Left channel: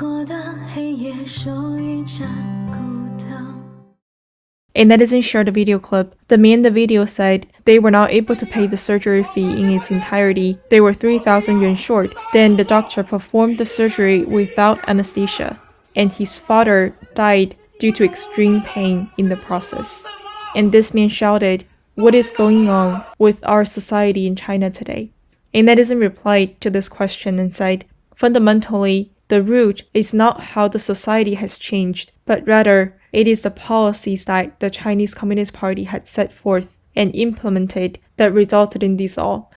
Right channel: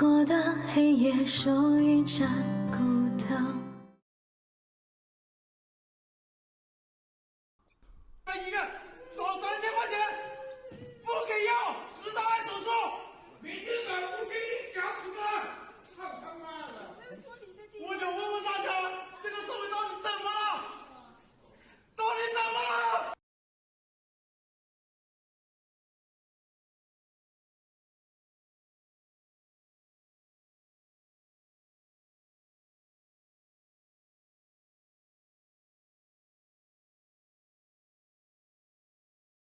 A netizen shared a video clip. The man in the video said they were not able to pay the surgery fee in its entirety. They were 3,000 yuan short. Then the doctor performed the surgery without anesthesia, and his father died due to extreme pain in the process. And this man shouted, "What is going on with our society in China today?" A netizen replied to this question and said, "Fundamentally, the root is not how the society has changed, but rather it is the policies that the Chinese Communist Party had set forth and implemented that resulted in this all."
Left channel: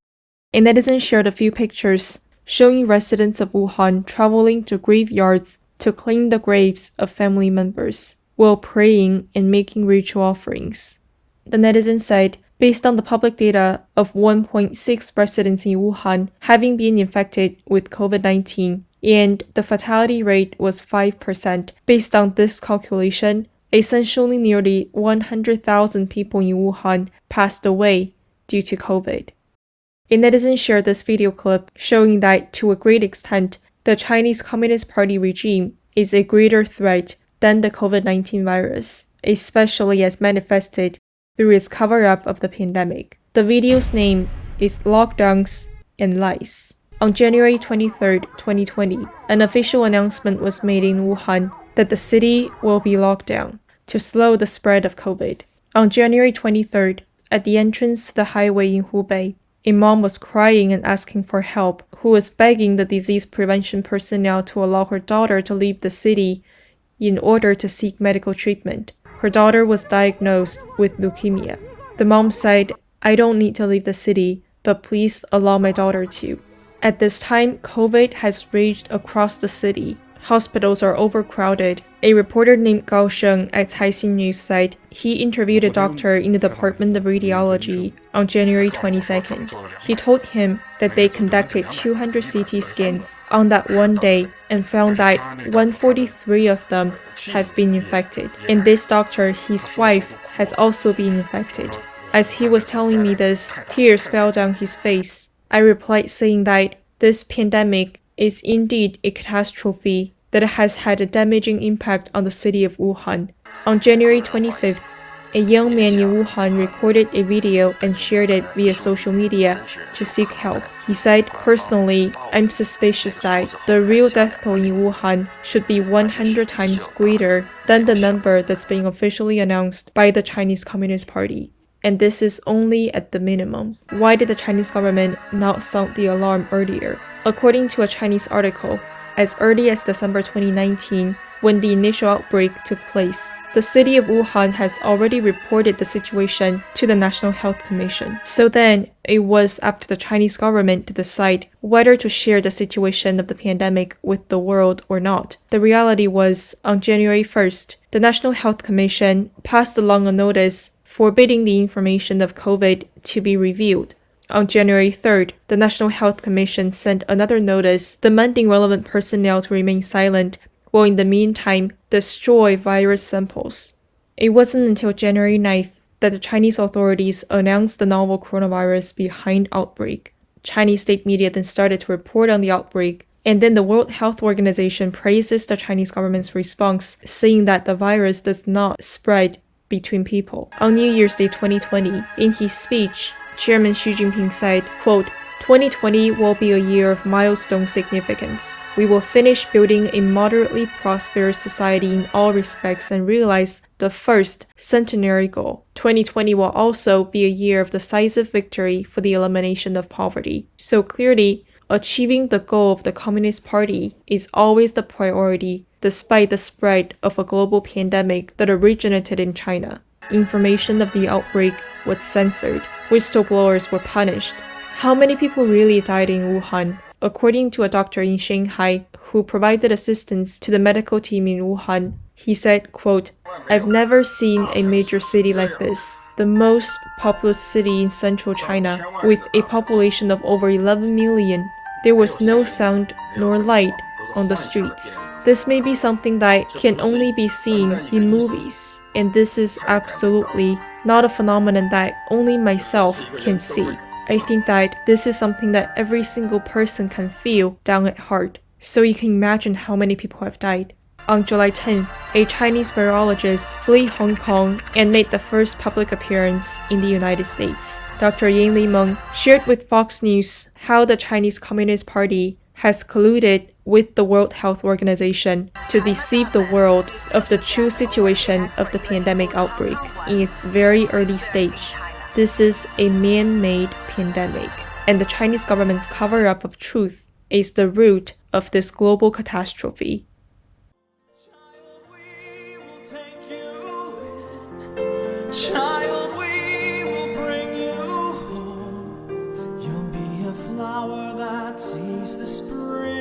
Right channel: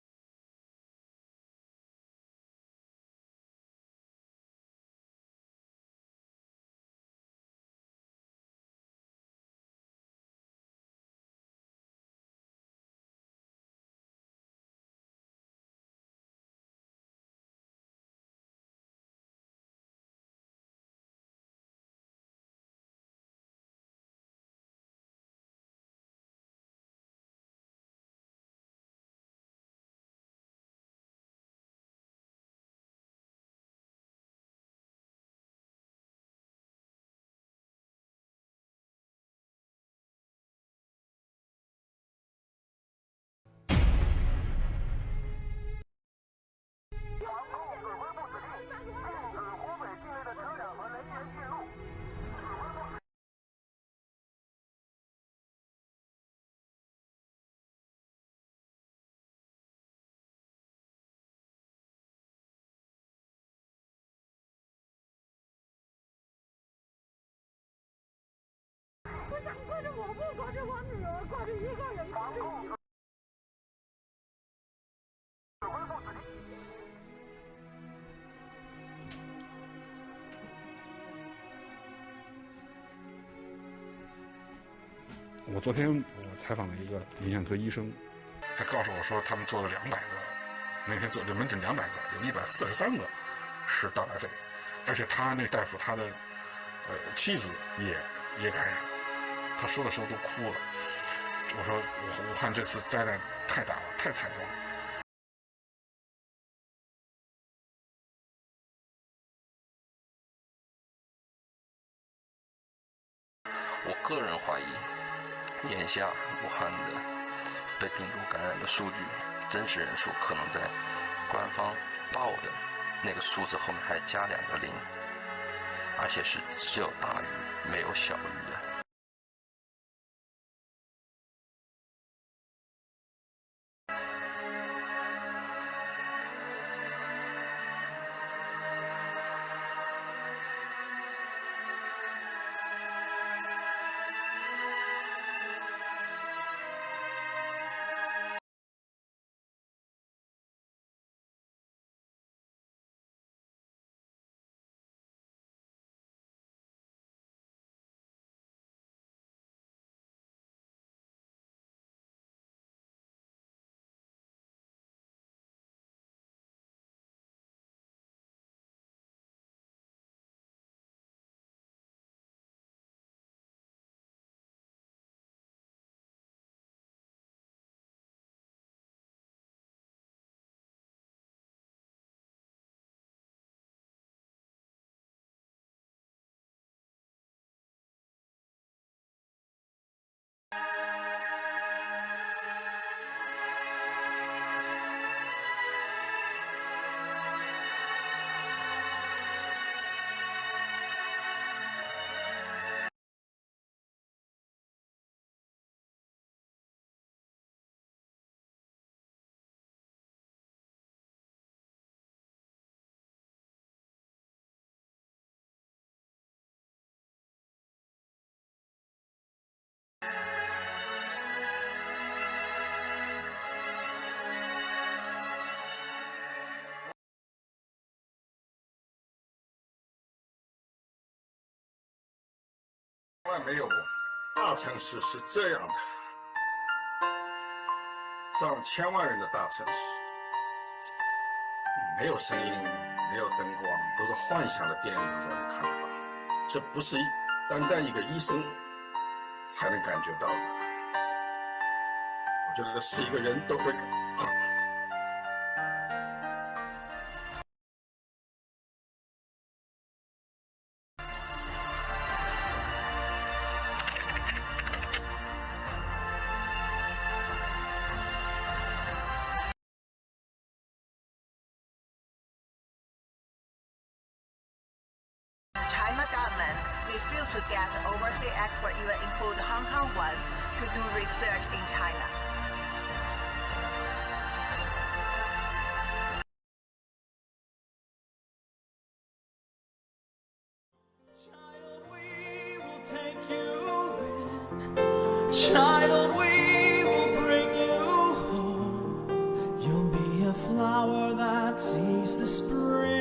A netizen shared a few pictures showing residents of Wuhan traveling to graveyards to clean the graves of family members while praying and making ritual offerings. The netizen said, based on the public data of 1.6 residents in Wuhan having been infected with COVID-19, and the fatality rate was 5%. Based on this calculation, essentially nearly 100,000 people in Wuhan passed away due to COVID. A netizen shared this video clip showing that, to a great extent, the Chinese Communist Party regime is a greater threat than the COVID-19 virus, especially as manifested through its cover-up of the pandemic. The video's name is Lockdowns and Lies. On January 23, 2020, an official announcement was made in Wuhan that the city will be locked down to slow the spread of COVID. On January 23rd, at the entrance to the highway in Hubei, a mom was crying and asking for help, who was begging the disease prevention personnel to allow her daughter to leave the city in order to seek medical treatment. Her daughter was diagnosed with leukemia. The mom said, "I don't need to leave the city, but please allow my daughter to." At this time, COVID has raged across the city. Hospitals are overcrowded. A reporter named Gao Sheng at Caixin News said he interviewed a doctor in the Department of Radiology on January 22nd. He told him that they conducted 200 CT scans on that one day and found that 143 of them have been infected. And this doctor, his wife, has also been infected. As he was telling me this, tears fell down his face. I replied saying that this pandemic is indeed a catastrophe that has had a damaging impact on the city of Wuhan. On January 25th, a young man in Wuhan recorded a video and shared it via social media to seek help. He said, "Personally, I'm suspicious that the real death toll in Wuhan should be 100 times greater than the number that's being officially announced by the Chinese Communist Party. And this is only at the minimum. Why did the Chinese government not sound the alarm earlier?" According to a Chinese article, as early as December 2019, when the initial outbreak took place, the city of Wuhan has already reported the situation to the National Health Commission. So then, it was up to the Chinese government to decide whether to share the situation of the pandemic with the world or not. The reality was, on January 1st, the National Health Commission passed along a notice forbidding the information of COVID to be revealed. On January 3rd, the National Health Commission sent another notice demanding relevant personnel to remain silent while in the meantime destroy virus samples. It wasn't until January 9th that the Chinese authorities announced the novel coronavirus behind outbreak. Chinese state media then started to report on the outbreak, and then the World Health Organization praises the Chinese government's response, saying that the virus does not spread between people. On New Year's Day 2020, in his speech, Chairman Xi Jinping said, quote, 2020 will be a year of milestone significance. We will finish building a moderately prosperous society in all respects and realize the first centenary goal. 2020 will also be a year of decisive victory for the elimination of poverty. So clearly, achieving the goal of the Communist Party is always the priority, despite the spread of a global pandemic that originated in China. Information of the outbreak was censored. Whistleblowers were punished. How many people really died in Wuhan? According to a doctor in Shanghai who provided assistance to the medical team in Wuhan, he said, quote, "I've never seen a major city like this. The most populous city in central China, with a population of over 11 million. There was no sound nor light on the streets. This may be something that can only be seen in movies, and this is absolutely not a phenomenon that only myself can see. I think that this is something that every single person can feel down at heart. so you can imagine how many people have died. On July 10th, a Chinese virologist fled Hong Kong and made the first public appearance in the United States. Dr. Yan Limeng shared with Fox News how the Chinese Communist Party has colluded with the World Health Organization to deceive the world of the true situation of the pandemic outbreak in its very early stage. This is a man-made pandemic, and the Chinese government's cover-up of truth is the root of this global catastrophe. Child, we will bring you home. You'll be a flower that sees the spring.